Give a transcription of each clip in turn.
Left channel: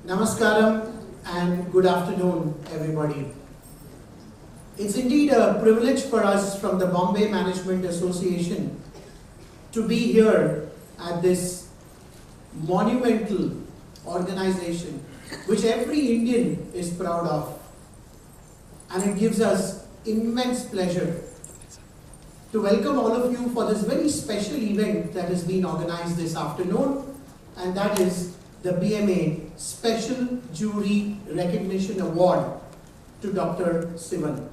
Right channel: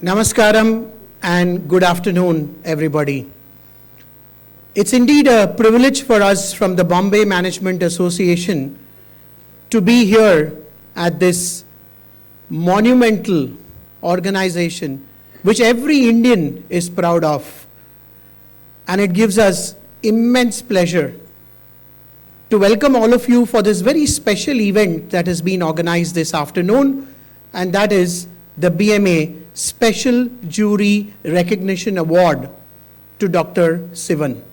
Namaskaram and good afternoon, everybody. It's indeed a privilege for us from the Bombay Management Association to be here at this monumental organization which every Indian is proud of. And it gives us immense pleasure to welcome all of you for this very special event that has been organized this afternoon, and that is the BMA Special Jury Recognition Award to Dr. Sivan.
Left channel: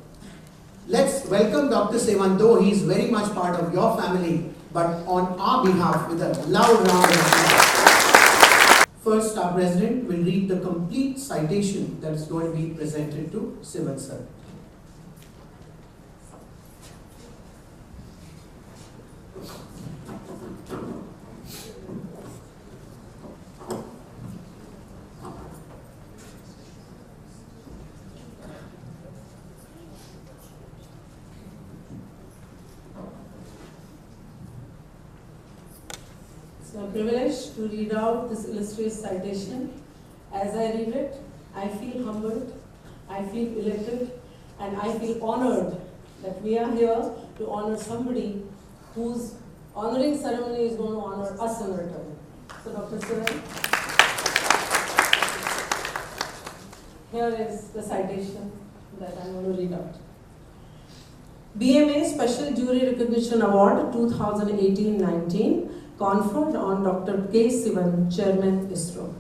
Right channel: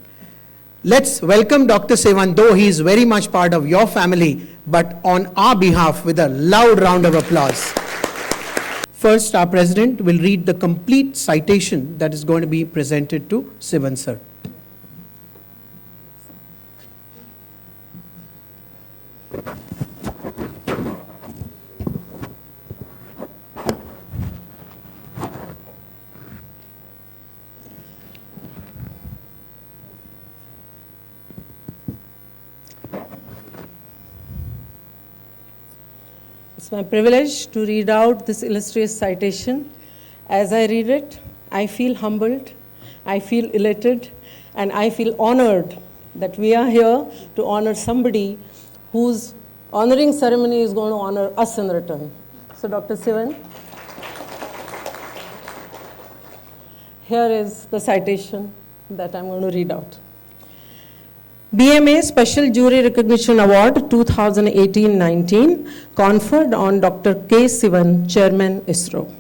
Let's welcome Dr. Sivan, though he is very much part of your family, but on our behalf with a loud round of applause. First, our President will read the complete citation that is going to be presented to Sivan sir. It's my privilege to read out this illustrious citation. As I read it, I feel humbled, I feel elated, and I feel honored that we are here to honor somebody whose honoring ceremony is going to honor us in return. So, Dr. Sivan, here is the citation that I'm going to read out. BMA Special Jury Recognition Award 2018-19 conferred on Dr. K Sivan, Chairman ISRO.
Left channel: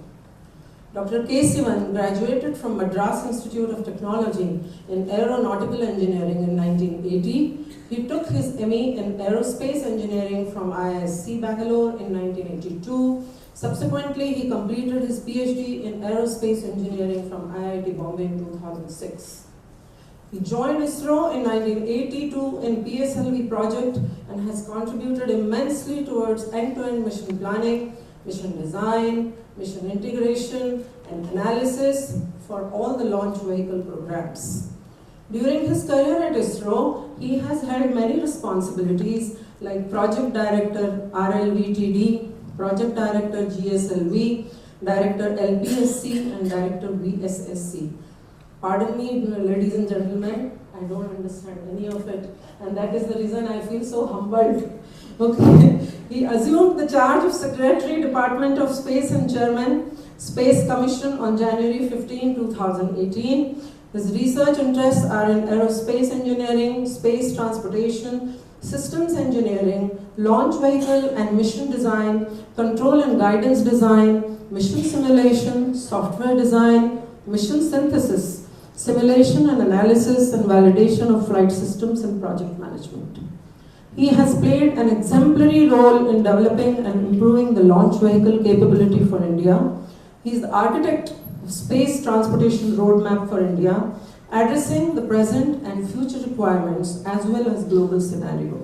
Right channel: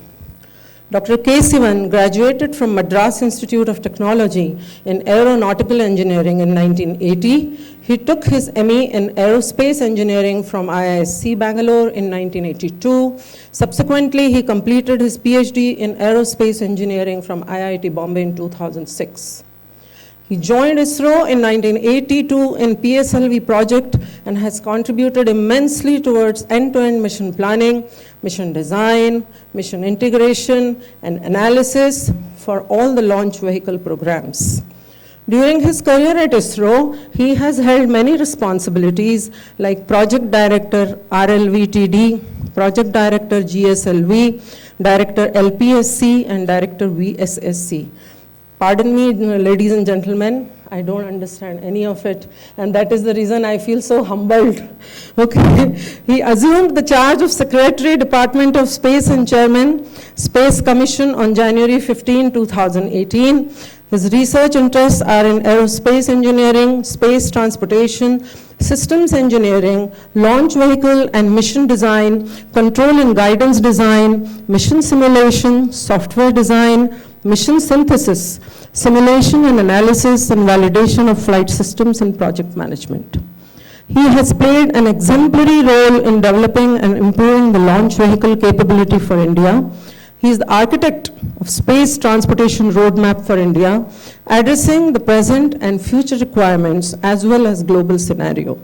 Dr. K Sivan graduated from Madras Institute of Technology in Aeronautical Engineering in 1980. He took his ME in Aerospace Engineering from IISc Bangalore in 1982. Subsequently, he completed his PhD in Aerospace Engineering from IIT Bombay in 2006. He joined ISRO in 1982 in PSLV project and has contributed immensely towards end-to-end mission planning, mission design, mission integration, and analysis for all the launch vehicle programs. During his career at ISRO, he has held many responsibilities like Project Director RLVTD, Project Director GSLV, Director LPSC, and Director VSSC. Pardon me, ladies and gentlemen, I don't understand any of it, and that is the reason I feel so humbled. Okay, he assumed the charge of Secretary, Department of Space and Chairman, Space Commission on January 15, 2018. His research interests are in aerospace engineering, space transportation, systems engineering, launch vehicle and mission design, control and guidance design, mission simulation, software design, mission synthesis, simulation and analysis and validation of flight systems and project management. He has played an exemplary role in developing and improving the launch vehicle capability for India. He is the architect of Space Transportation Roadmap for India, addressing the present and future requirements as well as global scenario.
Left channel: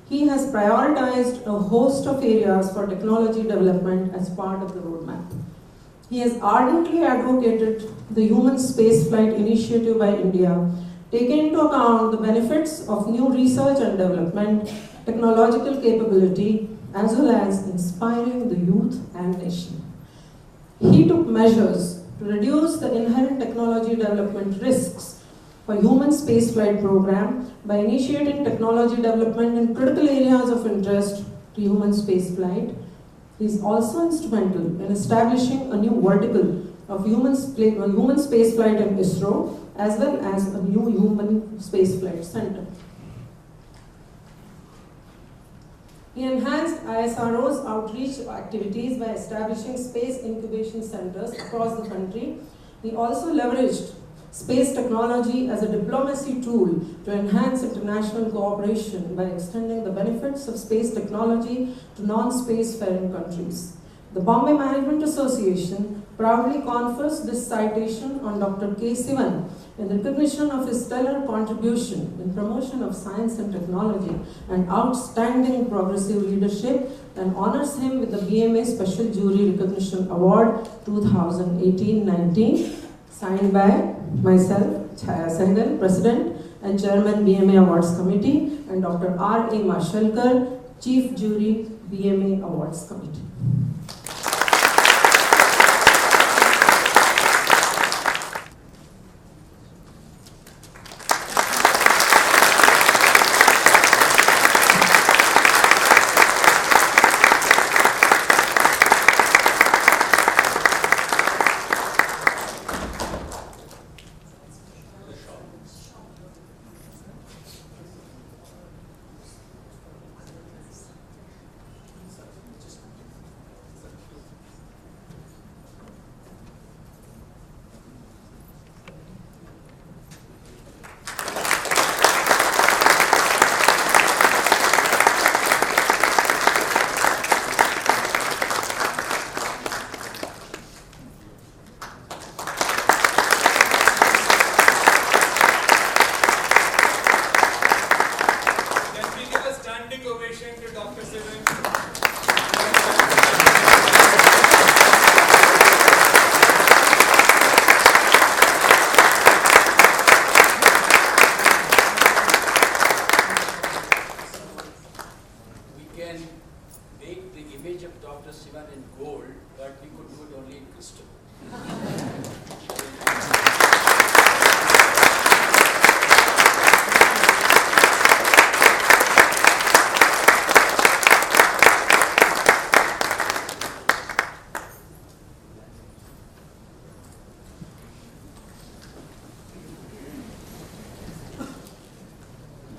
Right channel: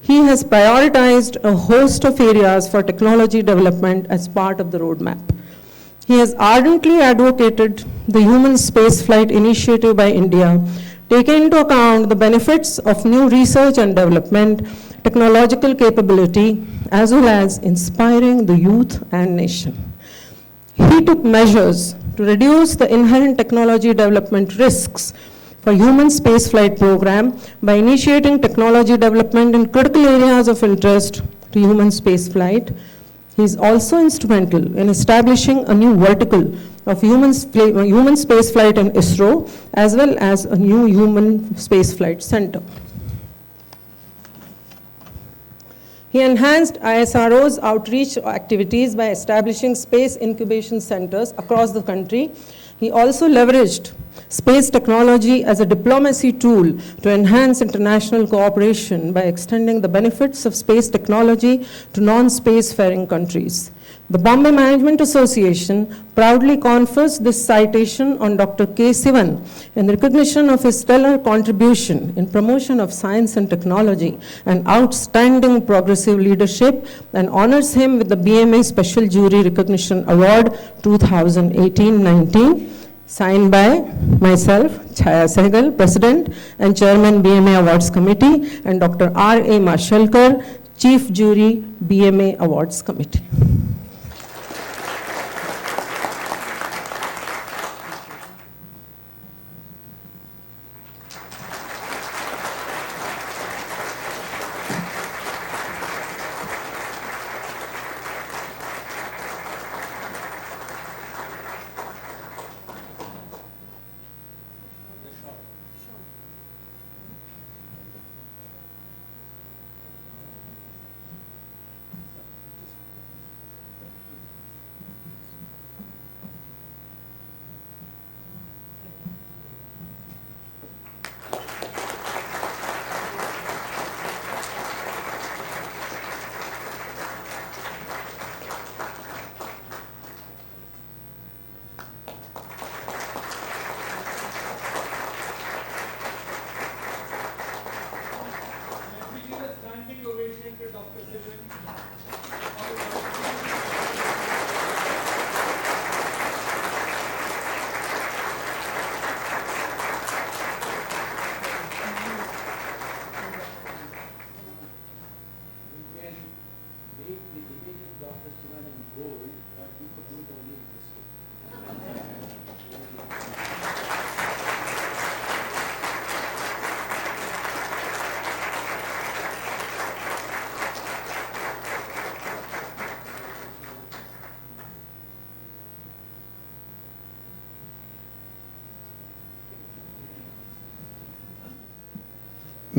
He has prioritized a host of areas for technology development as part of the roadmap. He has ardently advocated the human spaceflight initiative by India, taking into account the benefits of new research and development, technological capability, as well as inspiring the youth and nation. He took measures to reduce the inherent technology development risks for human spaceflight program by initiating technology development in critical areas of interest to human spaceflight. He is also instrumental in establishing a new vertical of human spaceflight in ISRO, as well as a new human spaceflight center. He enhanced ISRO's outreach activities by establishing space incubation centers across the country. He also leveraged space technology as a diplomacy tool to enhance international cooperation by extending the benefits of space technology to non-spacefaring countries. The Bombay Management Association proudly confers this citation on Dr. K Sivan in recognition of his stellar contribution in promotion of science and technology and outstanding progressive leadership, and honors him with the BMA Special Jury Recognition Award 2018-19. Signed by myself, Chaya Sehgal, President and Chairman BMA Awards Committee, and Dr. R.A. Mashalkar, Chief Jury, BMA Awards Committee.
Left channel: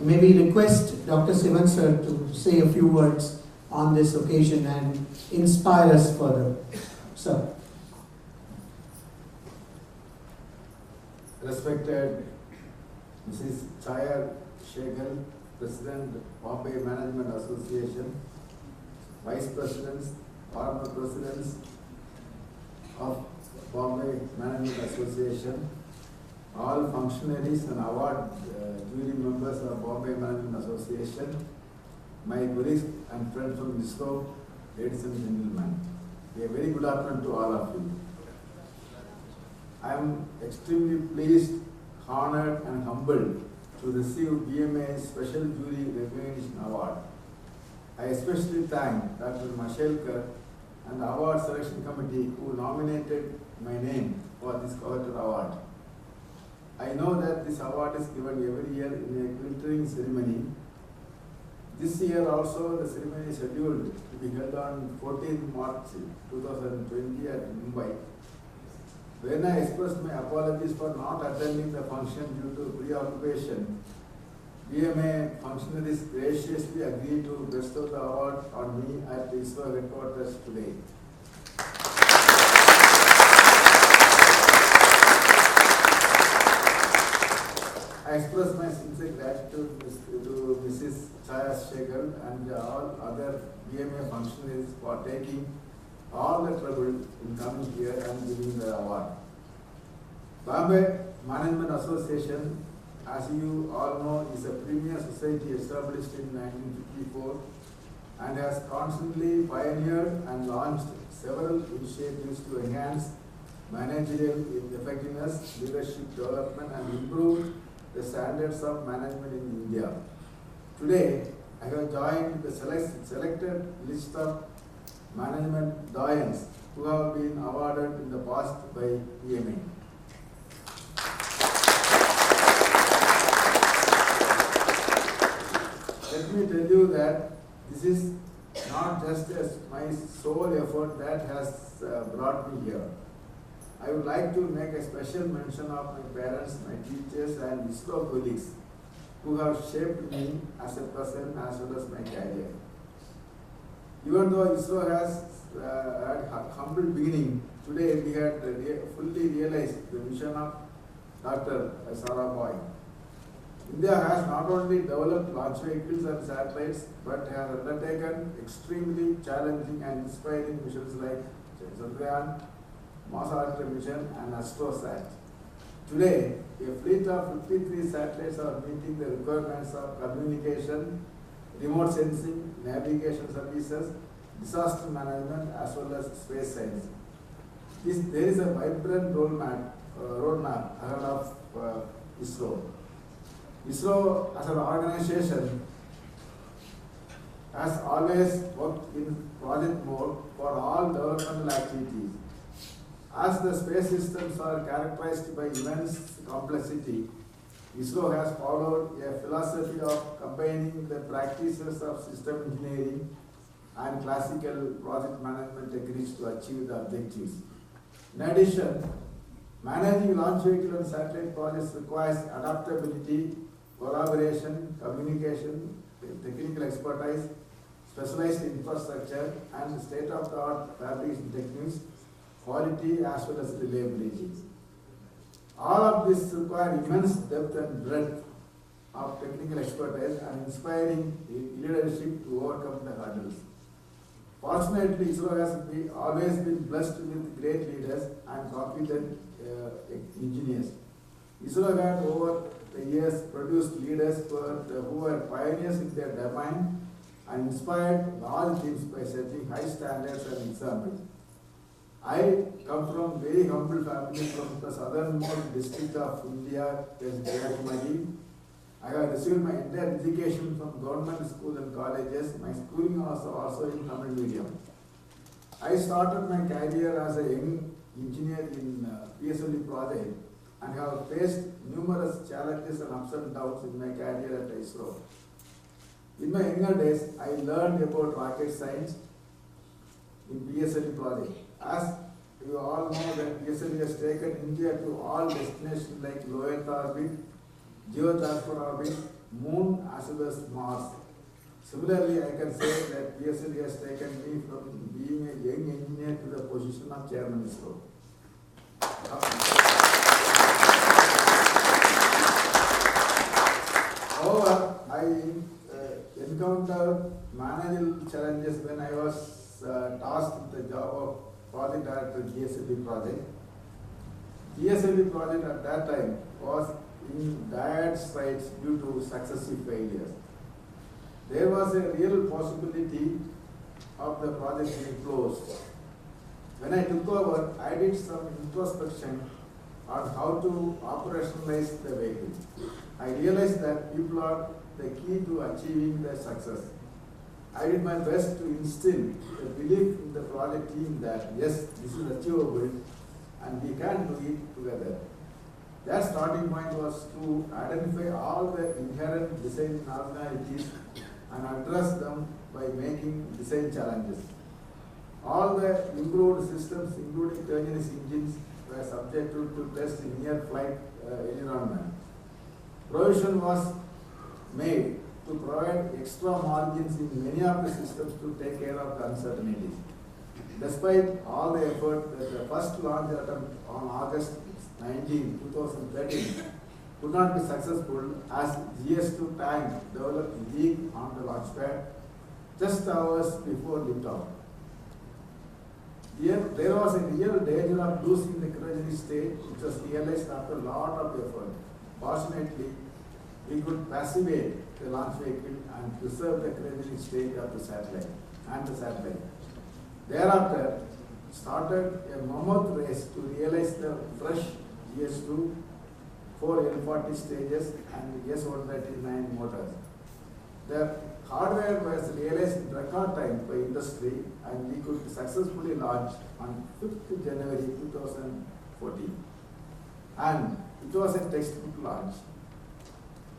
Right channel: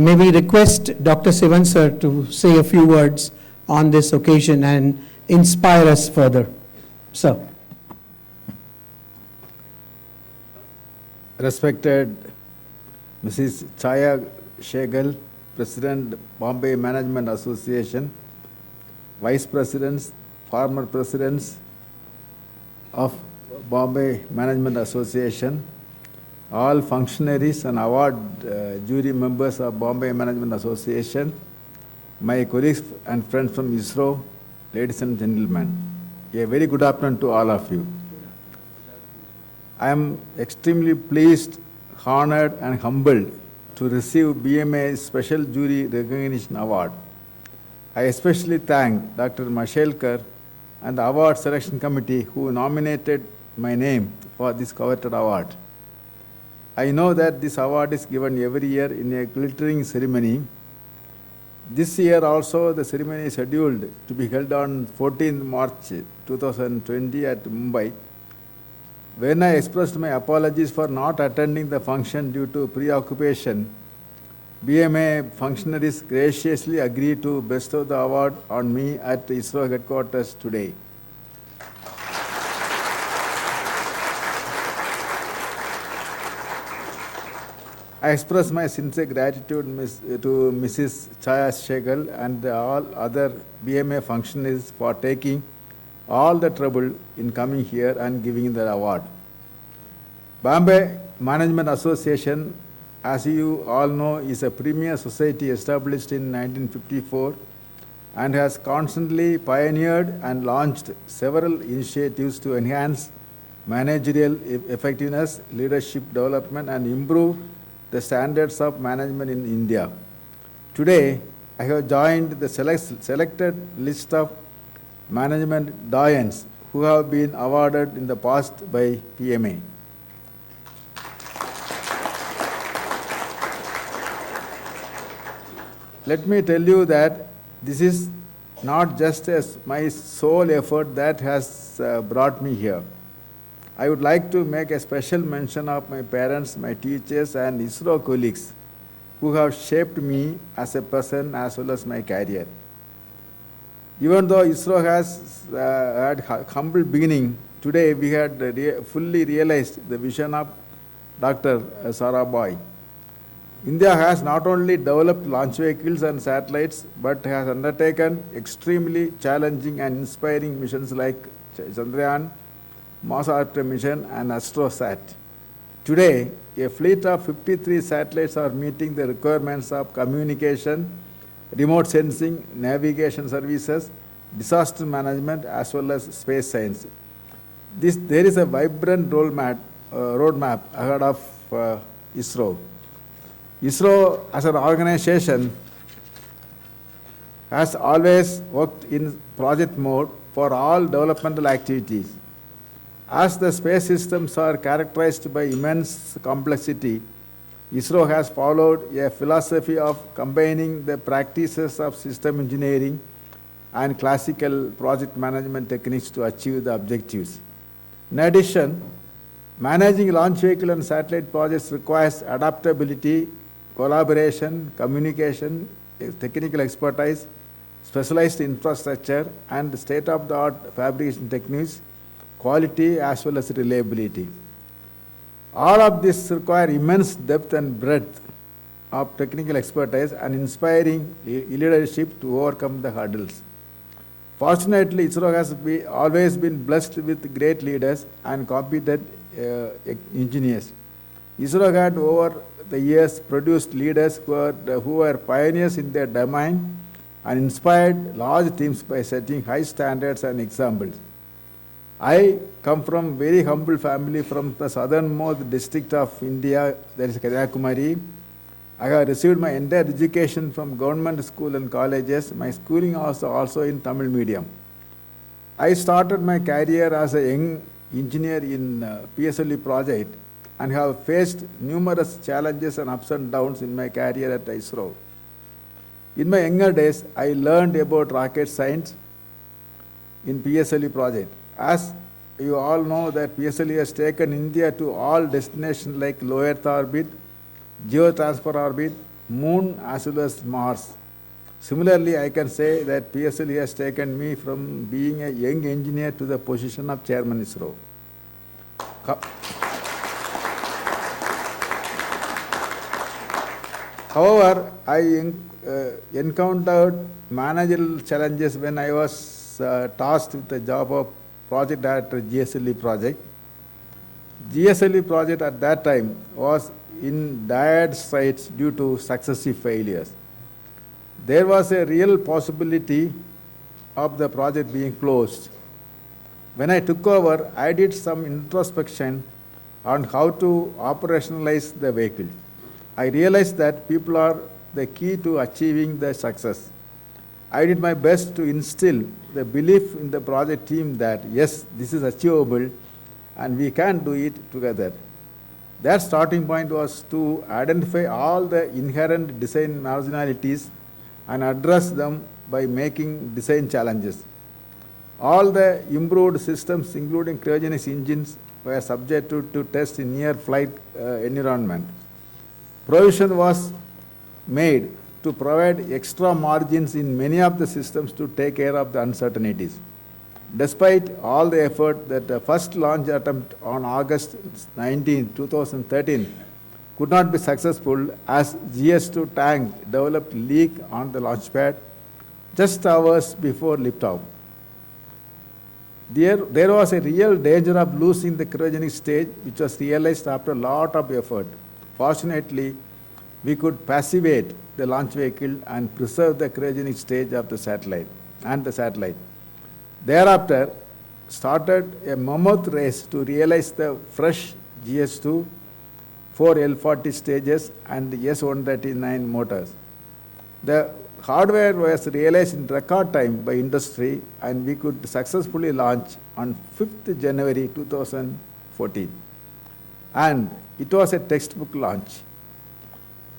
may we request Dr. Sivan sir to say a few words on this occasion and inspire us further. Sir. Respected Mrs. Chaya Shegal, President, Bombay Management Association, Vice Presidents, former Presidents of Bombay Management Association, all functionaries and award jury members of Bombay Management Association, my colleagues and friends from ISRO, ladies and gentlemen, a very good afternoon to all of you. I am extremely pleased, honored and humbled to receive BMA's Special Jury Recognition Award. I especially thank Dr. Mashelkar and the Award Selection Committee who nominated my name for this coveted award. I know that this award is given every year in a glittering ceremony. This year also the ceremony is scheduled to be held on 14th March 2020 at Mumbai. When I expressed my apologies for not attending the function due to preoccupation, BMA functionaries graciously agreed to bestow the award on me at ISRO headquarters today. I express my sincere gratitude to Mrs. Chaya Shegal and all other BMA functionaries for taking all the trouble in coming here and giving the award. Bombay Management Association, as you all know, is a premier society established in 1954 and has constantly pioneered and launched several initiatives to enhance managerial effectiveness, leadership development and improve the standards of management in India. Today, I have joined the selected list of management doyens who have been awarded in the past by BMA. Let me tell you that this is not just my sole effort that has brought me here. I would like to make a special mention of my parents, my teachers and ISRO colleagues who have shaped me as a person as well as my career. Even though ISRO has had humble beginning, today we had fully realized the vision of Dr. Sarabhai. India has not only developed launch vehicles and satellites, but has undertaken extremely challenging and inspiring missions like Chandrayaan, Mars Orbiter mission and AstroSat. Today, a fleet of 53 satellites are meeting the requirements of communication, remote sensing, navigation services, disaster management as well as space science. There is a vibrant roadmap ahead of ISRO. ISRO as an organization has always worked in project mode for all developmental activities. As the space systems are characterized by immense complexity, ISRO has followed a philosophy of combining the practices of system engineering and classical project management techniques to achieve the objectives. In addition, managing launch vehicle and satellite projects requires adaptability, collaboration, communication, technical expertise, specialized infrastructure, and state-of-the-art fabrication techniques, quality as well as reliability. All of this require immense depth and breadth of technical expertise and inspiring leadership to overcome the hurdles. Fortunately, ISRO has always been blessed with great leaders and competent engineers. ISRO had over the years produced leaders who were pioneers in their domain and inspired large teams by setting high standards and examples. I come from a very humble family from the southernmost district of India, that is Kanyakumari. I have received my entire education from government school and colleges. My schooling was also in Tamil medium. I started my career as a young engineer in PSLE project and have faced numerous challenges and ups and downs in my career at ISRO. In my younger days, I learned about rocket science in PSLE project. As you all know that PSLE has taken India to all destinations like low Earth orbit, geotransfer orbit, Moon as well as Mars. Similarly, I can say that PSLE has taken me from being a young engineer to the position of Chairman ISRO. However, I encountered managerial challenges when I was tasked with the job of project director GSLE project. GSLE project at that time was in dire straits due to successive failures. There was a real possibility of the project being closed. When I took over, I did some introspection on how to operationalize the vehicle. I realized that people are the key to achieving the success. I did my best to instill the belief in the project team that yes, this is achievable and we can do it together. That starting point was to identify all the inherent design marginalities and address them by making design challenges. All the improved systems, including cryogenics engines, were subjected to test in near flight environment. Provision was made to provide extra margins in many of the systems to take care of the uncertainties. Despite all the effort, that the first launch attempt on August 19, 2013 could not be successful as GS2 tank developed leak on the launch pad just hours before liftoff. There was a real danger of losing the cryogenic stage, which was realized after a lot of effort. Fortunately, we could passivate the launch vehicle and preserve the cryogenic stage of the satellite and the satellite. Thereafter, started a mammoth race to realize the fresh GS2, 4 L40 stages and S139 motors. The hardware was realized in record time by industry and we could successfully launch on 5th January 2014. And it was a textbook launch.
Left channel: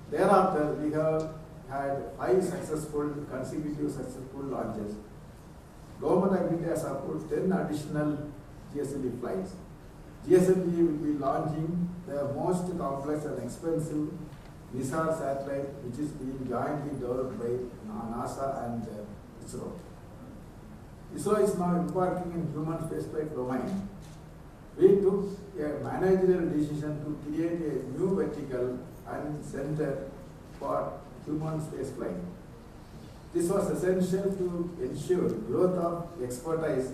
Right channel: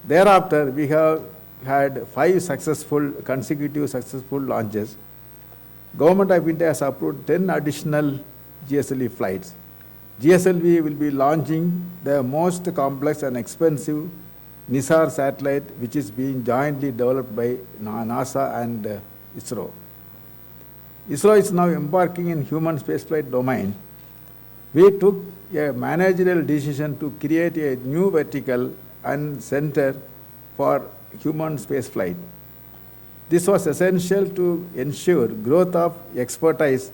Thereafter, we have had 5 consecutive successful launches. Government of India has approved 10 additional GSLV flights. GSLV will be launching the most complex and expensive NISAR satellite, which is being jointly developed by NASA and ISRO. ISRO is now embarking in human spaceflight domain. We took a managerial decision to create a new vertical and center for human spaceflight. This was essential to ensure growth of expertise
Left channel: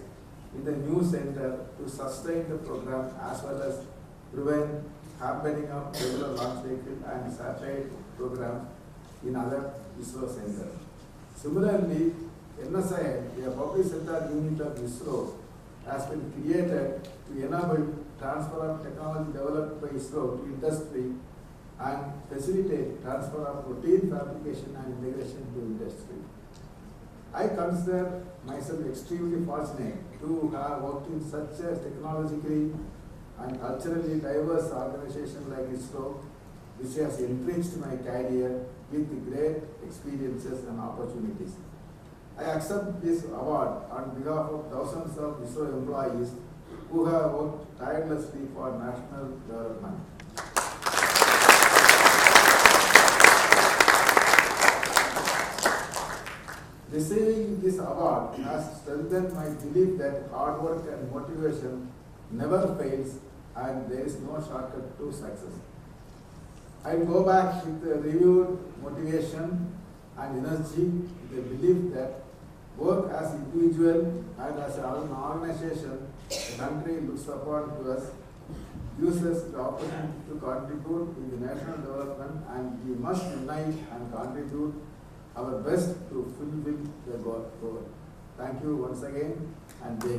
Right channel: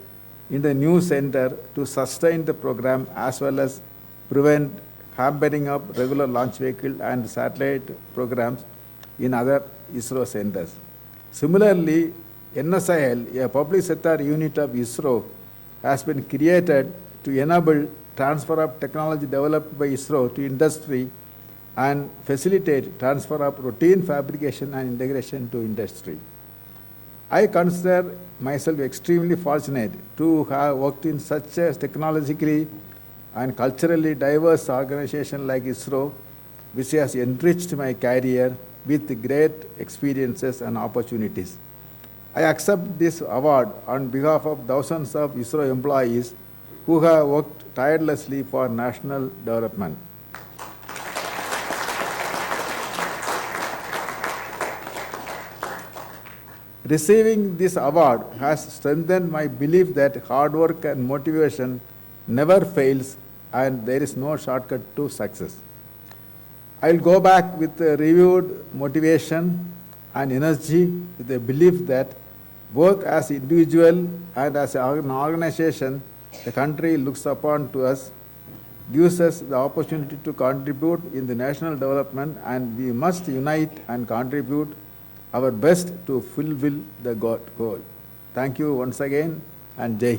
in the new center to sustain the program as well as prevent hampering of regular launch vehicle and satellite programs in other ISRO centers. Similarly, NSIL, a public sector unit of ISRO, has been created to enable transfer of technology developed by ISRO to industry and facilitate transfer of routine fabrication and integration to industry. I consider myself extremely fortunate to have worked in such a technologically and culturally diverse organization like ISRO, which has enriched my career with great experiences and opportunities. I accept this award on behalf of thousands of ISRO employees who have worked tirelessly for national development. Receiving this award has strengthened my belief that hard work and motivation never fails and there is no shortcut to success. I will go back with a renewed motivation and energy with a belief that both as individual and as an organization, the country looks upon to us, gives us the opportunity to contribute in the national development, and we must unite and contribute our best to fulfill the goal. Thank you once again and Jai Hind.